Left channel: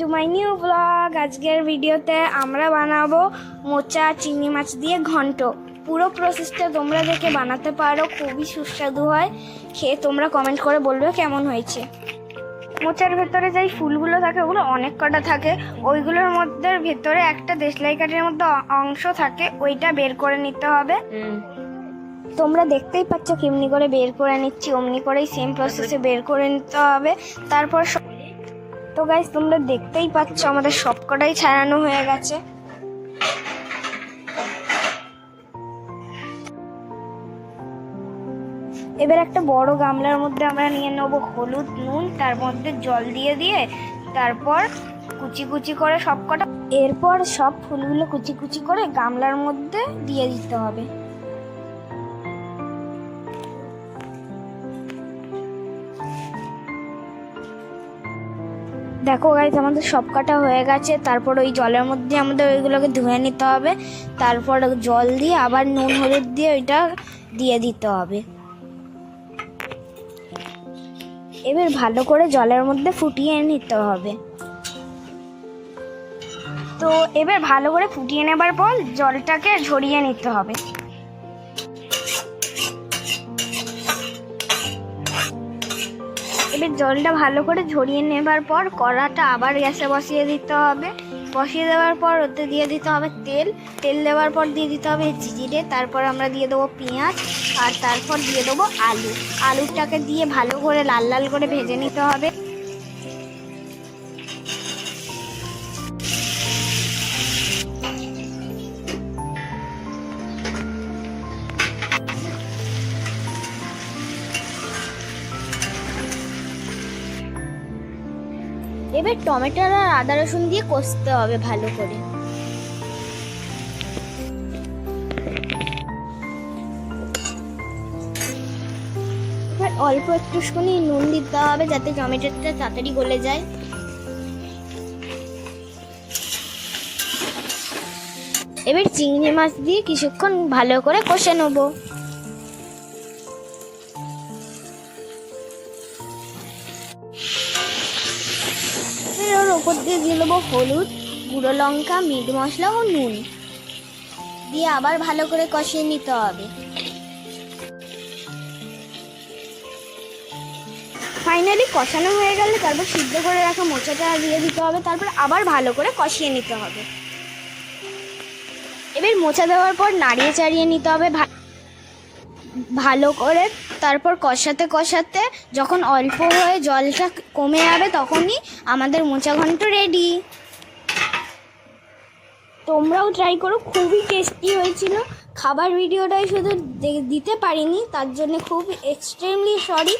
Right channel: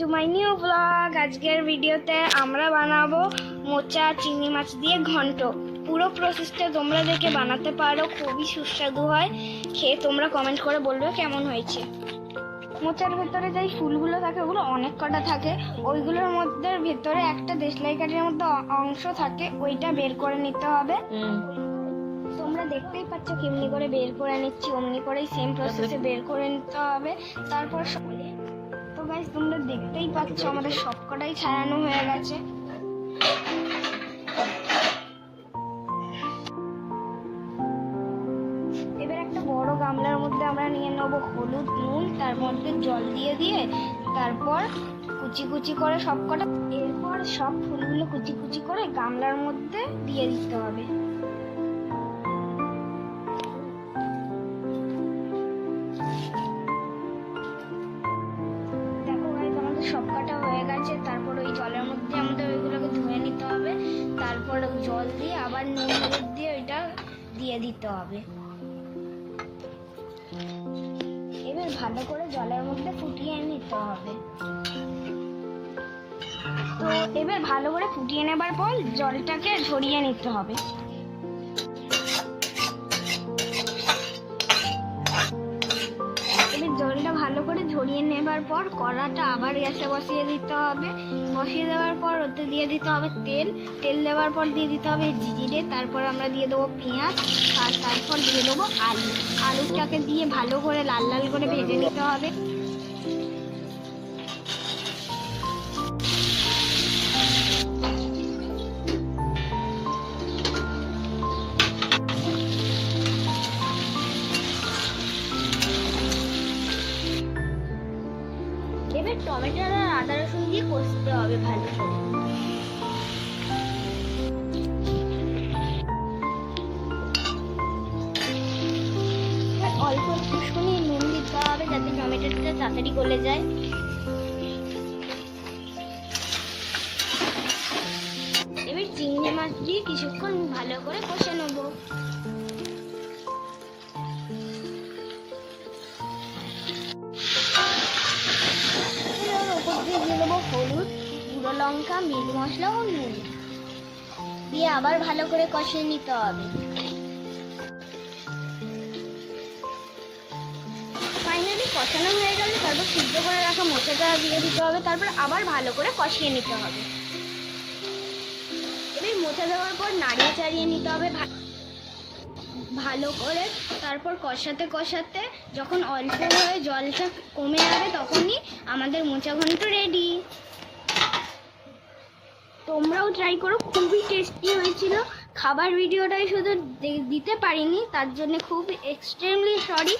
To my new blog. আজকের ভিডিওতে আমরা বানাবো মোচা চিংড়ি মাছ দিয়ে ঘন্ট। পুরো প্রসেসটা তোমরা দেখে বানাতে পারো, খুবই সুস্বাদু হয়। সে তোমরা কমেন্ট করে বলবে কেমন হয়েছে। মোচার ভেতরে যেই ফুলগুলো থাকে ওগুলো অনেক কটা থাকে, ওইগুলোর মধ্যে ভেতরে একটা দেশলাই কাঠির মধ্যে অংশ থাকে, ওইটা বের করে নিতে হবে। তোমরা দেখতেই পাচ্ছ কেমনি করে বের করে নিচ্ছি, অমনি করেই সেম প্রসেসে বের করে নিতে হবে। তারপর তো গাইস তোমরা দেখতেই পাচ্ছ আমাদের সবকটাই ছাড়ানো হয়ে গেছে। এবার একটা বড় গামলার মধ্যে আমরা নিয়ে নেবো হলুদ, নুন, তার মধ্যে জল দিয়ে দিয়ে তারপর কুচি কুচি করে সবকটা, এরপর সব ফুলগুলো কুচি কুচি করে গামলার মধ্যে দিয়ে দিতে হবে। দেখো গাইস আমাদের সব কাটা হয়ে গেছে। তারপর ওই জলের মধ্যে আমাদের ওইগুলোকে ধুয়ে নিতে হবে, তারপর জল দিয়ে আবার নুন হলুদ দিয়ে ওইটা দিয়ে দিতে হবে। এবার ভালো করে জলের মধ্যে ফুটিয়ে নিতে হবে। তো এবার ভালো করে ফুটিয়ে নেবার পর জলটাকে ঝরিয়ে নিতে হবে। এবার জলটা ভালো করে ঝরিয়ে নেবার পর কড়াটা আবার গ্যাসে বসিয়ে দিতে হবে। বসিয়ে দেওয়ার পর ওতে দিয়ে দিতে হবে তেল। তেল দেওয়ার পর দিয়ে দিতে হবে জিরে, তারপর আমরা দিয়ে দেবো পেঁয়াজ, আর তারপর দিয়ে দেবো আলু। আলুটাকে দিয়ে ভালো করে লাল লাল করে ভেজে নিতে হবে। এবার টমেটো আর আদা রসুন দিয়ে কষতে হবে ভালো করে। এবার অল্প একটুখানি নুন দিতে হবে যাতে টমেটোটা তাড়াতাড়ি গলে যায়। এবার চিংড়ি মাছ দিয়ে কিছুক্ষণ ভালো করে কষে নেবো। ওপর দিয়ে দিয়ে দেবো হলুদ, গুঁড়ো লঙ্কা, মিট মশলা ও নুন দিয়ে আবার ভালো করে কষিয়ে নিতে হবে। ফাইনালি কষানো হয়ে গেলে তারপর সিদ্ধ করে রাখা মোচাটা দিয়ে দিতে হবে, তারপর আবার ভালো করে কষিয়ে নিতে হবে। এবার মোচা দেওয়ার পর নাড়িয়ে চাড়িয়ে নিতে হবে ভালো করে। তারপর কষাতে কষাতে যখন অল্প হয়ে জলটা কমে যাবে তখনই আমাদের মোচা ঘন্ট রেডি। তোমরাও ট্রাই করো, খুবই টেস্টি হয়েছিল। খাবার ভিডিওটাই শুধু দিতে পারিনি, তার জন্য খুব এক্সট্রিমলি সরি।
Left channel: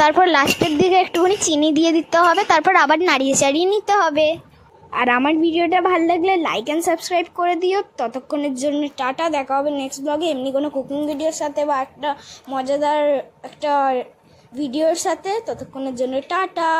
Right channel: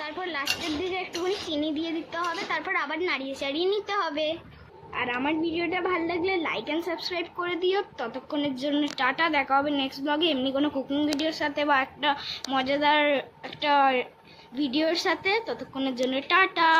তারপর লাস্টের দিকে একটুখানি চিনি দিয়ে দিতে হবে, তারপর আবার নাড়িয়ে চাড়িয়ে নিতে হবে। আর আমার ভিডিওটা ভালো লাগলে লাইক অ্যান্ড সাবস্ক্রাইব করে দিও। ততক্ষণের জন্য টাটা, দেখা হবে নেক্সট ব্লগে এমনি কোনো কুকিং ভিডিওর সাথে বা একটা মজাদার একটা ভিডিওর সাথে। ততক্ষণের জন্য টাটা।